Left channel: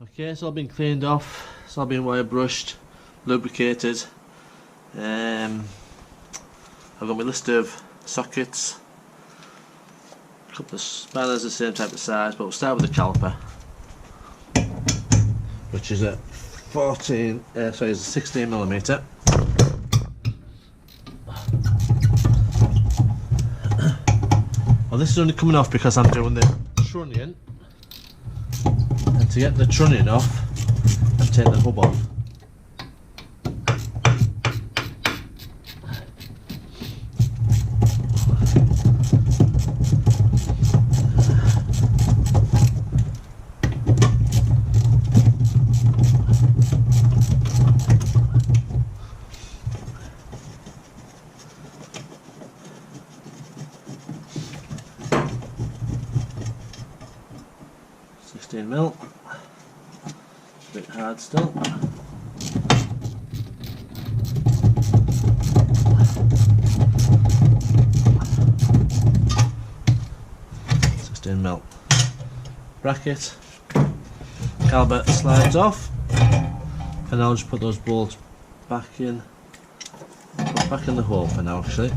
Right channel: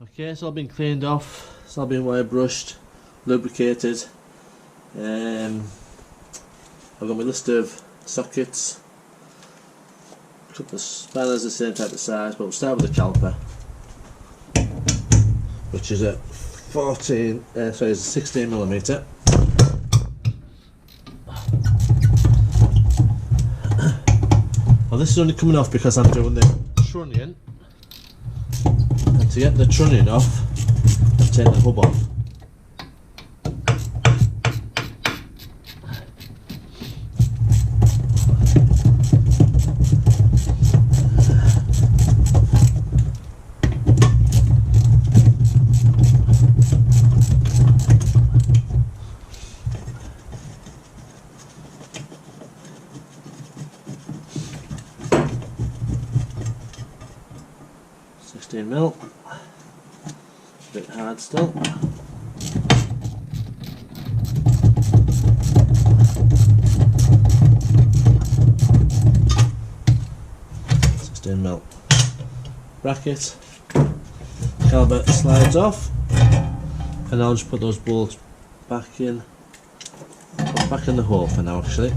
Okay, it's all been cleaned off, it's all been wire brushed, lubricated. I've got my list of sockets, a couple of spanners the same type of size, but we'll start with the caliper, which is a 16mm. Well, this is only coming off because I'm doing the trunnion, and to get the trunnion off, I've taken the hub off. $16mm, a bit hard still. $16mm bracket. Caliper slides off, and I'll just put those bolts back in. Put them back in the hole for now, actually.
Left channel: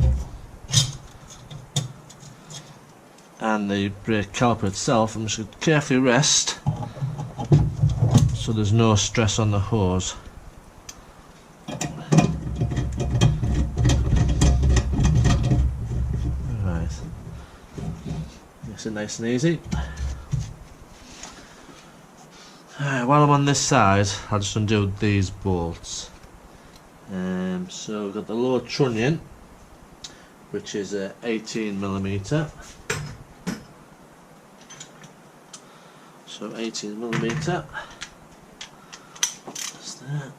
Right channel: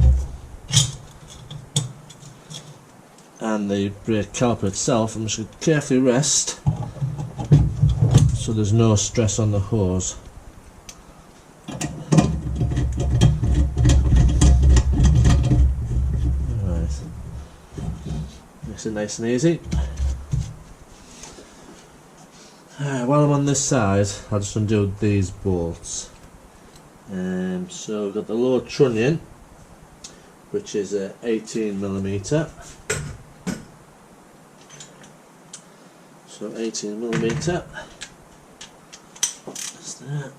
And the brake caliper itself, I'm just going to carefully rest so there's no stress on the hose. Alright, makes it nice and easy. While I'm on this side, I'll just undo these bolts. So we've got the lower trunnion, which is a 18mm. So 18mm, that's that.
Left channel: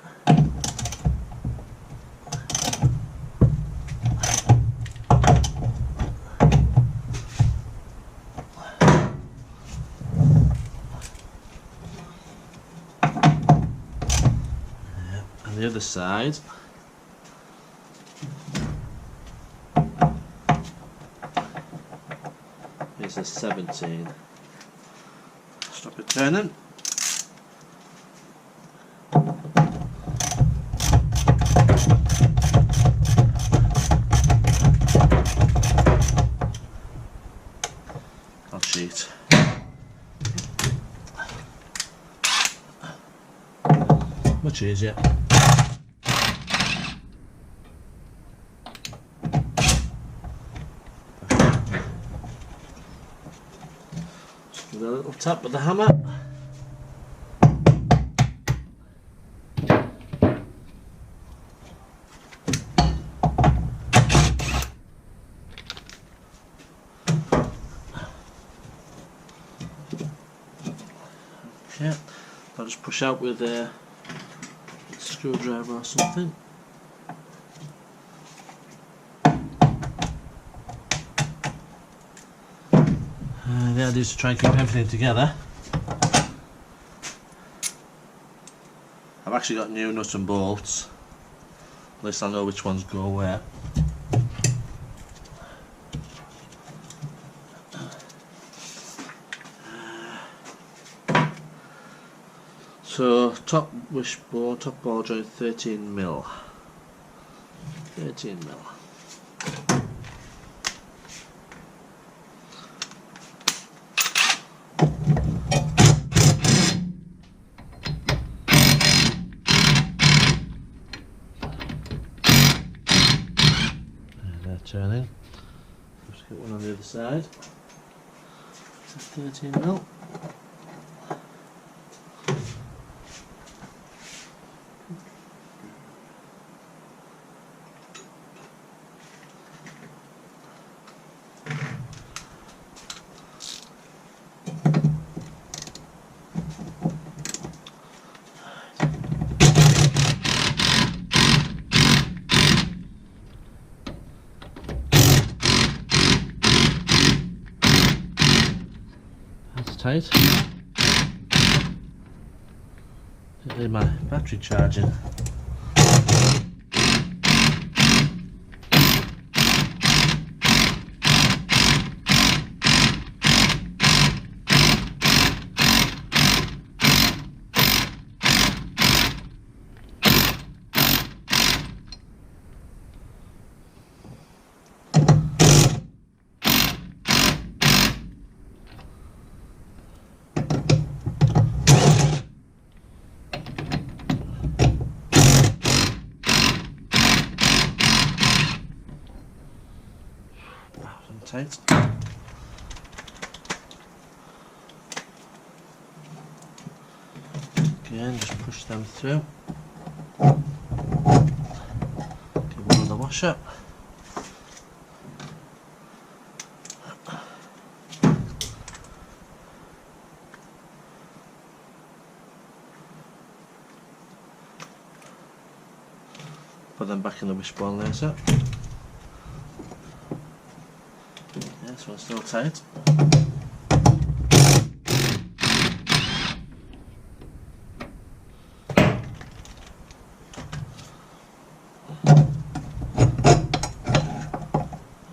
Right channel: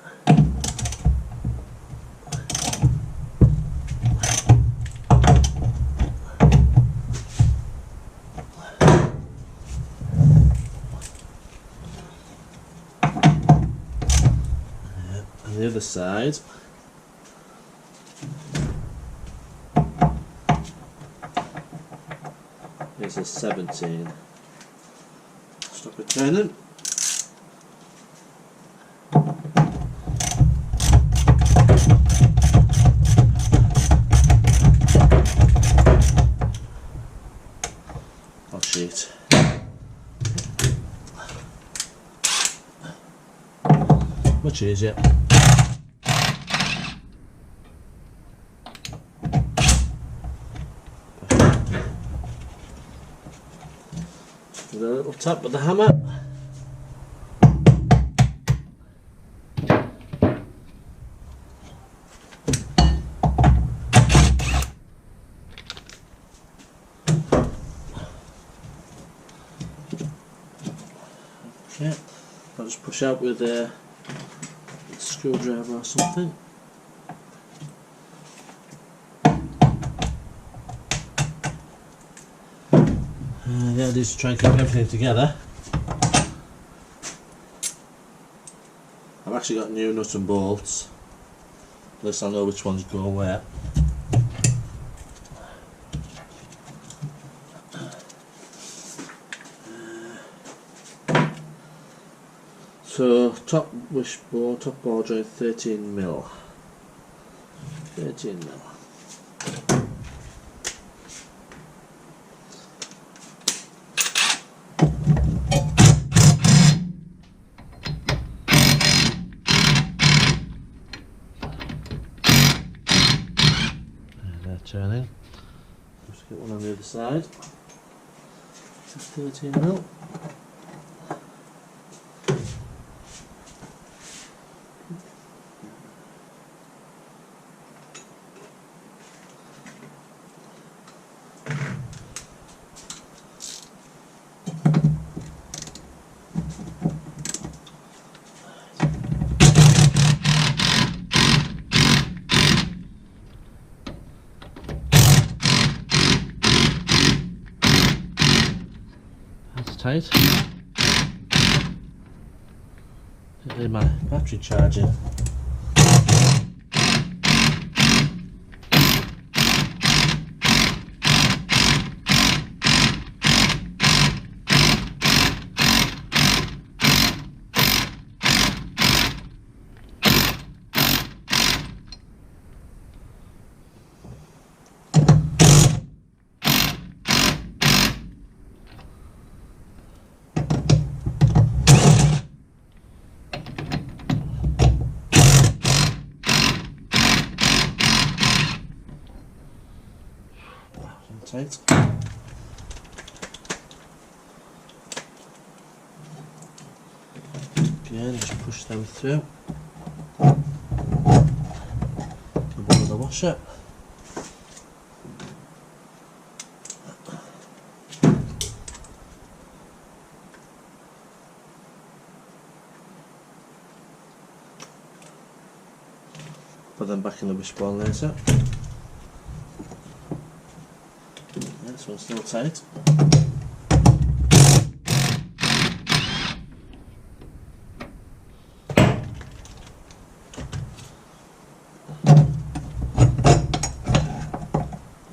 And the other side is a 17. Stop it turning. I'll cheat. Much easier. With a little tap with the hammer. Okay, I'll just push out with a screwdriver or something. The idea is to try and keep everything together. I've actually got new nuts and bolts, at least I know which ones go where. So top wishbone, top ball joint 13mm. 13mm. Turning. Just get one on the other side. It's a 13mm. Tight. Leave my battery charging. tight. Again, just push them through. Give one another washer. Put them back in the wishbone later. Yeah, this one's still tight.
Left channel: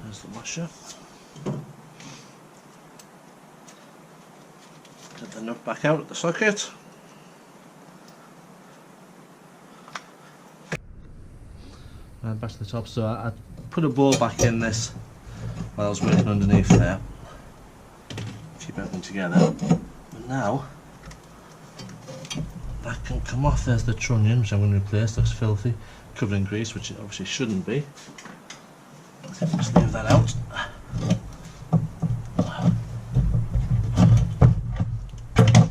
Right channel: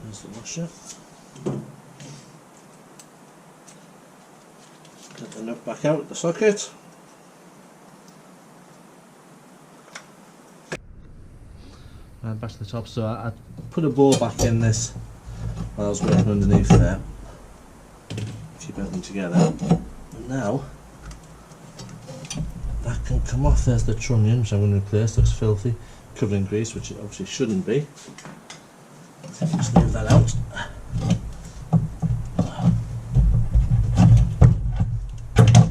There's the washer. Get the nut back out of the socket. And back to the top, so I put a bowl back in this while I was working underneath there. Keep everything together. But now, that can come off. There's the trunnion, which I'm going to replace. Looks filthy, covered in grease, which it obviously shouldn't be. So just leave that out.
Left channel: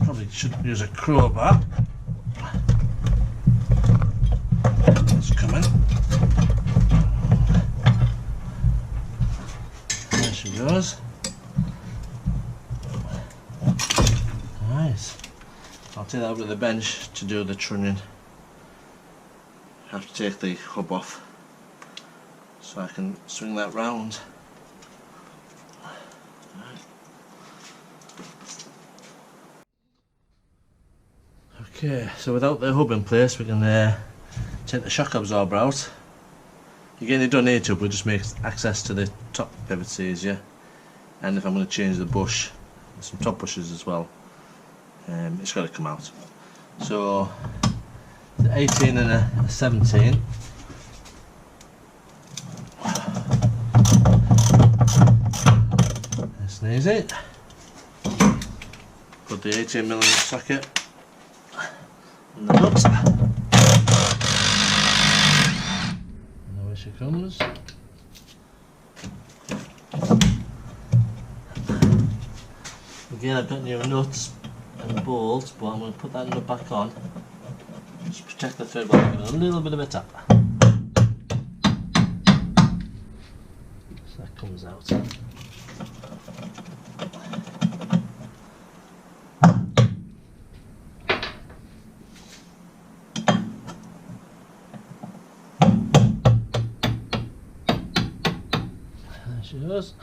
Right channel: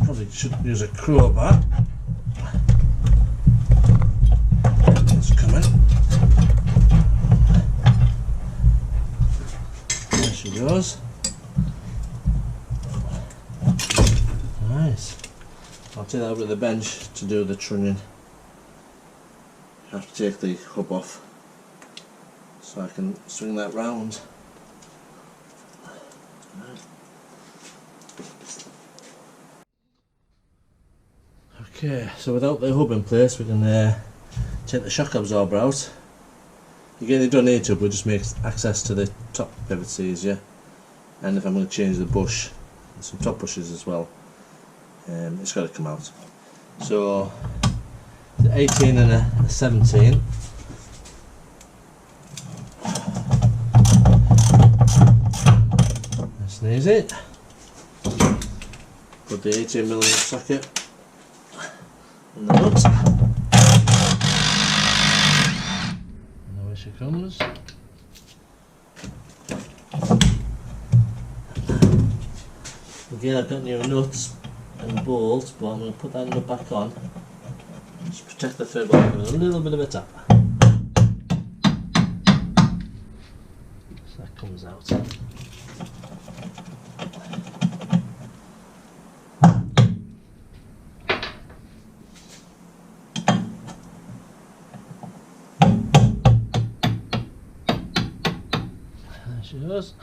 Probably should use a crowbar. It's coming. There she goes. Nice. I'll take that over to the bench to do the trunnion. I have to take the hub off so I can swing that round. Right. Okay, so without the hub in place, we can take the shock absorber out. Again, you don't need to, but it just makes access to the top pivots easier. And if I'm going to change the bush, there's some top bushes as well, it's got to come out. So, the 18 and a 17. Nice and easy. Put the 18mm socket on the nut. And away she comes. Again, I've got new nuts and bolts, but I'm going to put that nut back on. Just protect the thread by giving it a little bit of a tap. So that comes out. There she goes.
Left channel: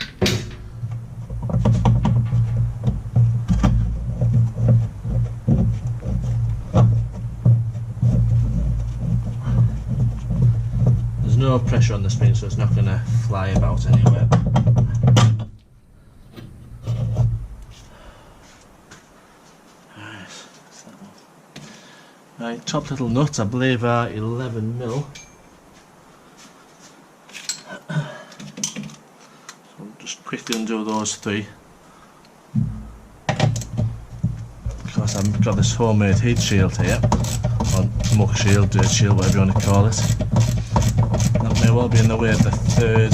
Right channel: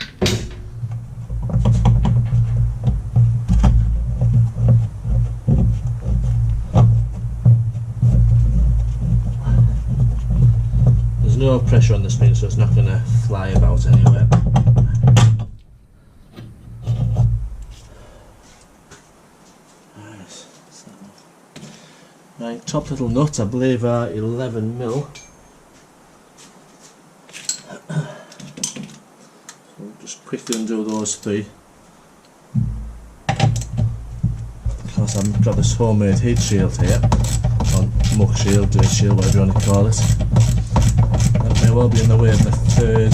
There's no pressure on the spring, so it's not going to fly about anywhere. Right, that's that one. Right, top little nuts, I believe are 11mm. So just quickly undo those three. Of course, I've got this homemade heat shield here, or muck shield, dirt shield, whatever you want to call it. That may well be in the way of the third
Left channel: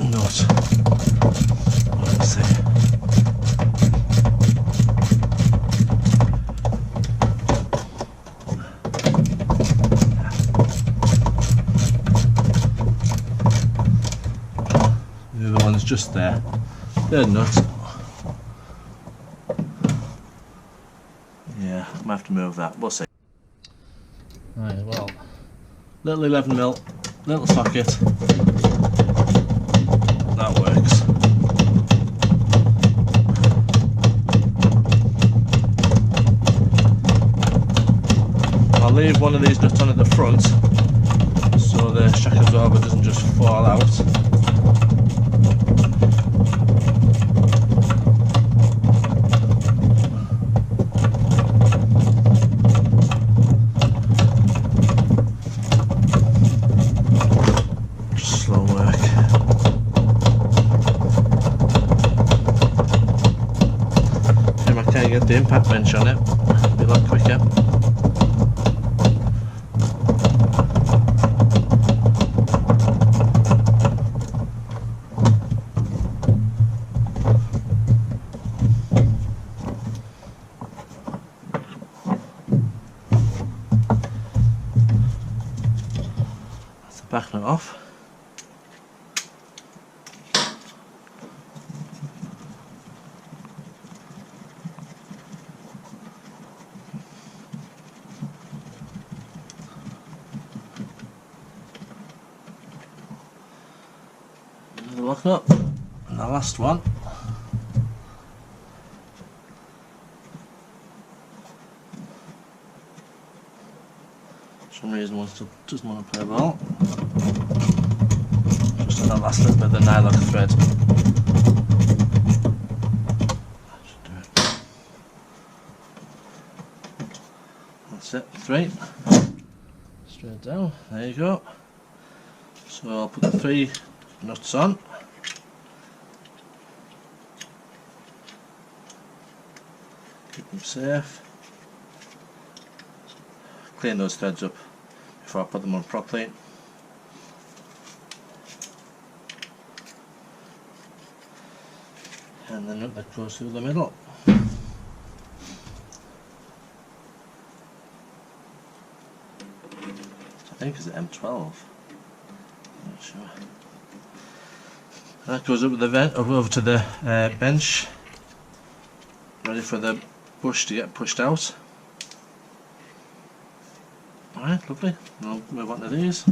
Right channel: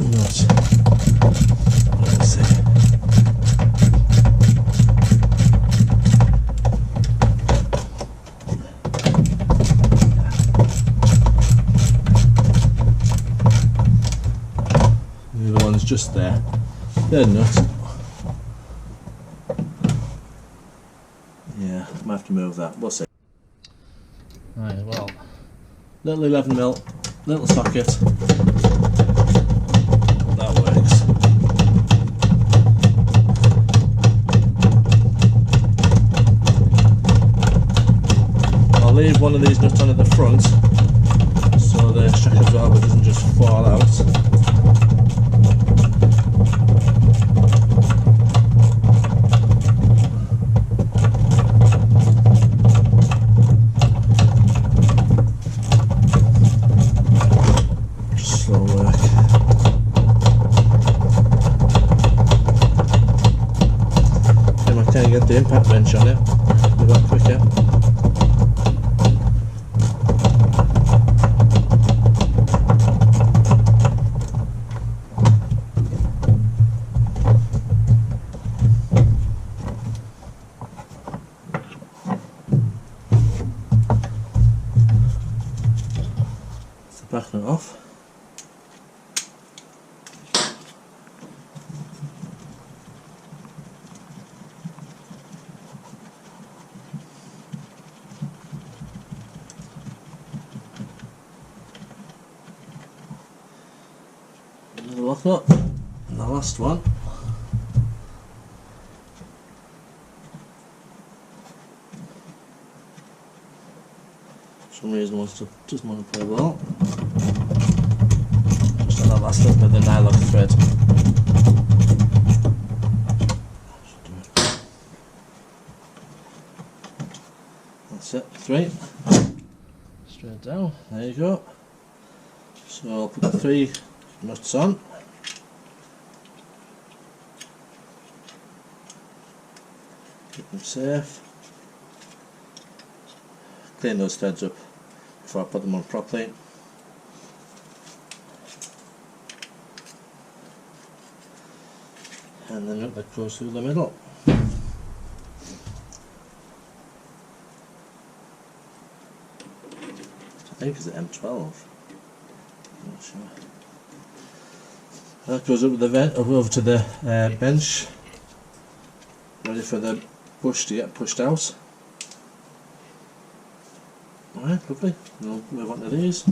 nut. We'll see. The other one's just there. Third nut. Yeah, I might have to move that. We'll see. Right, well. Little 11mm, little socket, that works. I'll leave one of these nuts on at the front so the shock absorber doesn't just fall out. Slow work. If I can't get the impact wrench on it, it'll be a lot quicker. backing it off. Locking up, and the last one. For some reason doesn't want to play ball. Just on that last little bit of the nylock thread. Should do it. That's it, 3. Straight down, there you go. So I'll put the 3 nuts on. Keep them safe. Clean those threads up before I put them on properly. And the nut that goes through the middle. I think it's an M12. I'm not sure. That goes up with the vent over to the bench, ready for the bush to get pushed out. Alright, lovely. We'll move on to these.